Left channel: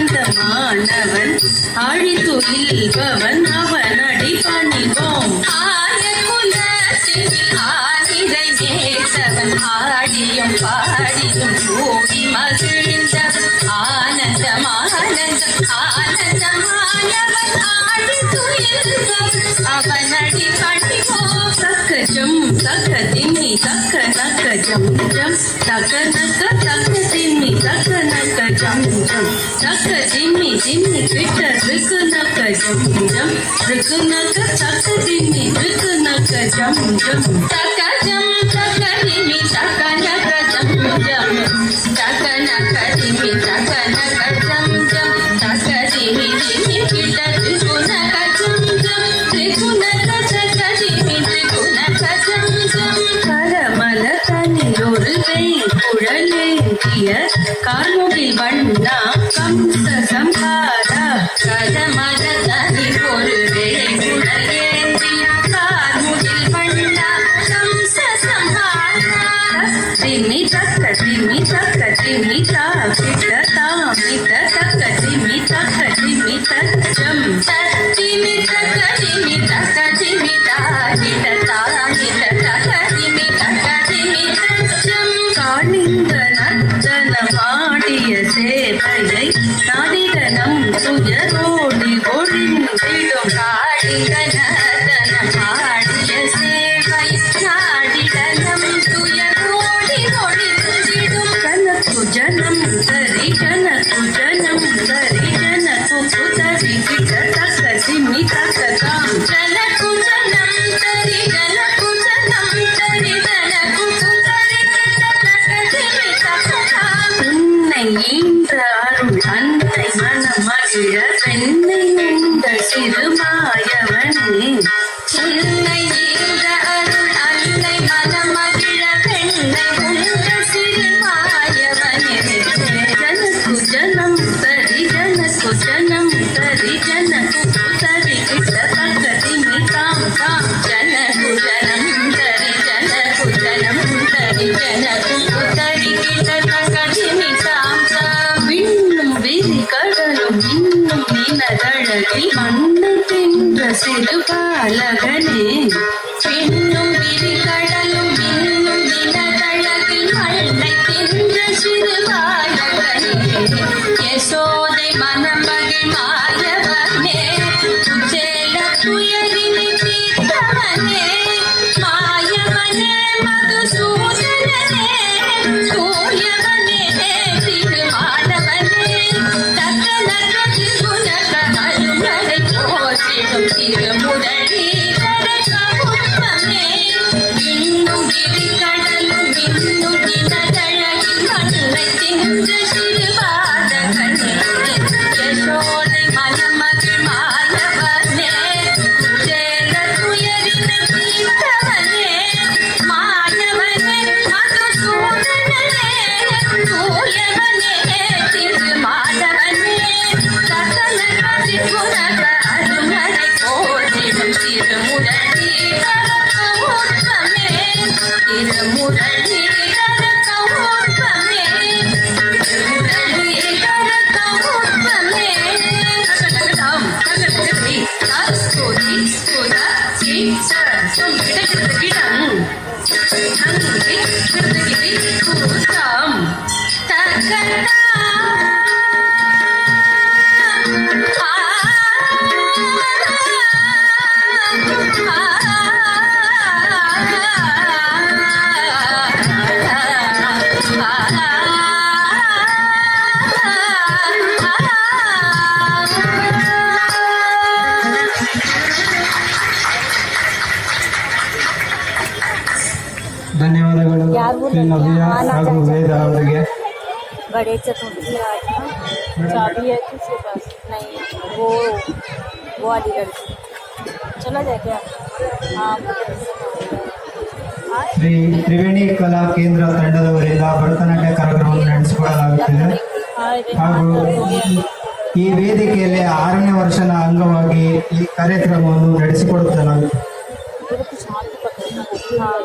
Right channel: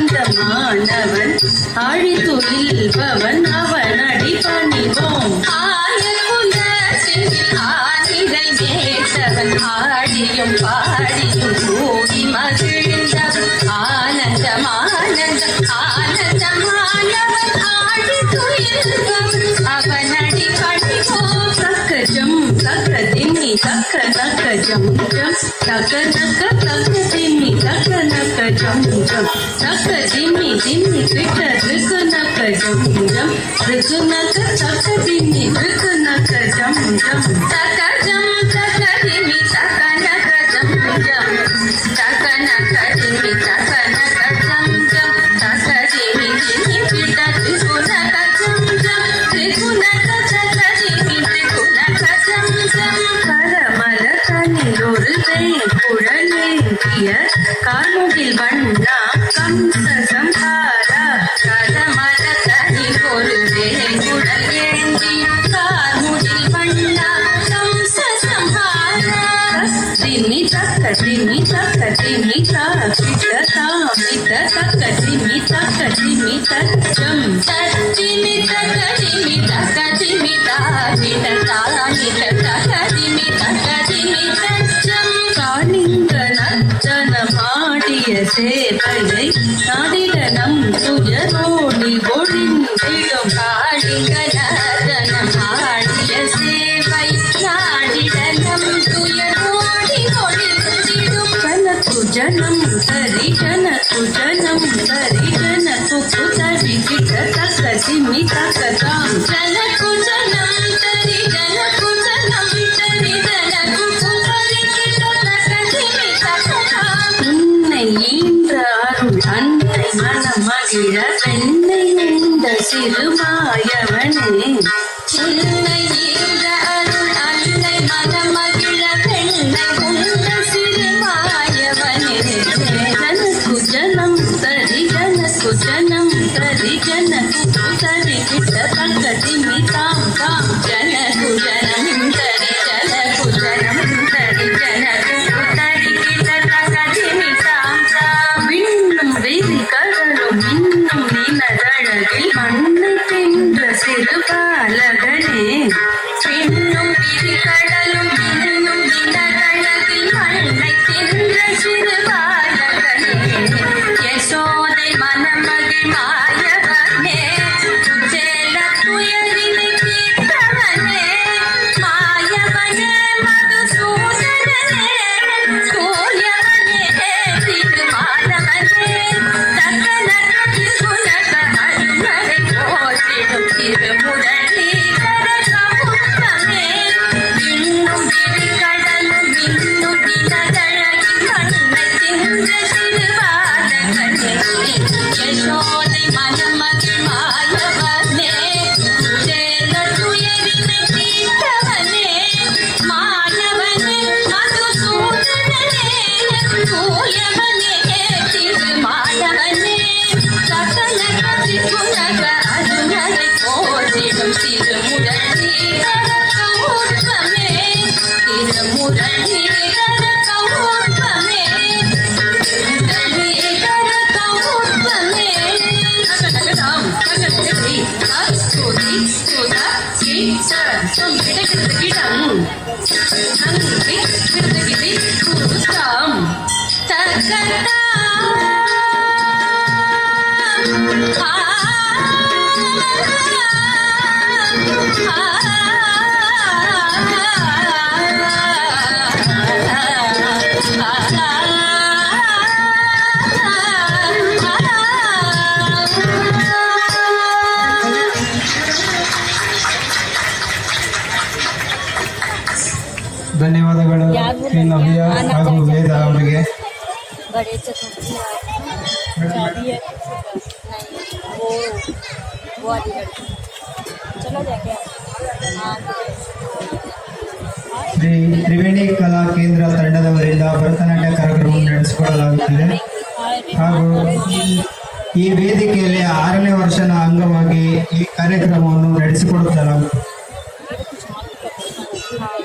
ஆனந்தமானந்தமானவன் ஆழித்துயில்பவன் அவன் அடிபணிவோம். ஆனிரை மேற்றவன் ஆடியும் பாடியும் கூடி மகிழ்ந்தவன் ஆனந்தமானந்தம் ஆனந்தமானவன் ஆழித்துயில்பவன் அவன் அடிபணிவோம். தக்கஜம் தக்கதின்னி தக்க நக்க ஜம் ஜம் தக்க நக்க தக்க தின்னி தக்க நக்க ஜம் ஜம் தக்க தின்னி தின்னி கிட்ட ருக்கு நக்க ஜம் ஜம் ருக்கு நக்க தக்க தின்னி ருக்கு நக்க ஜம் ஜம் தக்க ஜம் தக்க தின்னி தக்க நக்க ஜம் ஜம் தக்க நக்க தின்னி தக்க நக்க ஜம் ஜம் தக்க தின்னி தின்னி கிட்ட ருக்கு நக்க ஜம் ஜம் ருக்கு நக்க தக்க தின்னி ருக்கு நக்க ஜம் ஜம் கரமல தனிலொரு குழலேந்திய கார்முகில் வண்ணா கம்ச சம்ஹாரா கரமல தனி ஒரு குழலேந்தி கார்முகில் வண்ணா கம்ச சம்ஹாரா திமி தக்க திமி தக்க திமி தாமித தாமித தக்க திமி தக்க திமி தச்சம் திமி தக்க திமி தக்க திமி தாமித தாமித தக்க திமி தக்க திமி தச்சம் காணிந்த நர்த்தனமாடிய சேவையை நாதிதனம் துயரோடி ஒழிந்திடும் காடிக நர்த்தனமாடிய சேவை நாடிதனம் துயரோடி ஒழிந்திடும் கனக்கு ஜனம் தரி கனக்கு ஜனம் தரி ஜனக்கு குதரி கிட்ட தக்க திமி தக்க தாம் ஜனக்கு ஜனம் தரி ஜனக்கு ஜனம் தரி ஜனக்கு குதரி கிட்ட தக்க திமி தக்க தாம் உன்னை ஈன்ற அருள் அன்னை மனமகிழ பெண்ணை உண்ட சிறுமாயவனே உன்னை ஈன்ற அருள் அன்னை மனமகிழ பெண்ணை உண்ட சிறுமாயவனே ஜனக்கு ஜனம் தரி ஜனக்கு ஜனம் தரி ஜனக்கு குதரி கிட்ட தக்க திமி தாம் தாம் ஜனக்கு ஜனம் தரி ஜனக்கு ஜனம் தரி ஜனக்கு குதரி கிட்ட தக்க திமி தாம் தாம் விண்ணும் விரி கடலும் இன்னும் நினதழகில் மண்ணை தின்ற சிறு பாலகனே பின்னும் விரி கடலும் இன்னும் நினதழகில் மண்ணை தின்ற சிறு பாலகனே யசோதை மனமகிழ் மாயவனே சேல துயரினை தீர்த்தவனே மாயவனே மதுசூதனனே சூயவனே திருமாலவனே தக்க நக்க திகுணக அருமறை போற்றிடும் திருமுரளி கரகமுத்தமே இன்னும் விரி கடலும் இன்னும் நினதழகில் மண்ணை தின்ற என்ற திருவாடகனே யசோதை மணமகள் மாயவனே சேல துயரினை தீர்த்தவனே மாணவனே மதுசூதனனே தூயவனே திருமாடவனே சகல கதிகுணக அருணரை போற்றிடும் திருமுரளி கரகமுற்றமே திருமுரளி கரகமுற்றமே திருமுரளி கரகமுற்றமே கரகடம் கரகடி அஸ்தோதி சுதா சீச சொல்லிடம் நங்குடி சுருதகிரி சுருதம் தக்கதா ಧನ್ಯವಾದಗಳು ಶ್ರೀ ನವ್ಯ ಹಾಗೂ ವೇದ ಅವರಿಗೆ. बड़े चतुर्थी रात चाबी है किसी पास नहीं, वो वाली लड़की चलो जाके हाँ ಶ್ರೀ ತ್ರಿವೇಣಿ ಕಲಾ ಕೇಂದ್ರ ತಂಡದವರಿಂದ ಭರತನಾಟ್ಯ ಕಾರ್ಯಕ್ರಮವನ್ನು ನಡೆಸಿಕೊಡಲಾಗುತ್ತಿದೆ ಹಾಗೂ ಈ ವೇದಿಕೆಯಲ್ಲಿ 6ನೇ ವರ್ಷದ ಅಂಗವಾಗಿ ಈ ಕಾರ್ಯಕ್ರಮವನ್ನು ನಡೆಸಿಕೊಡುತ್ತಲಾಗುತ್ತದೆ. हाँ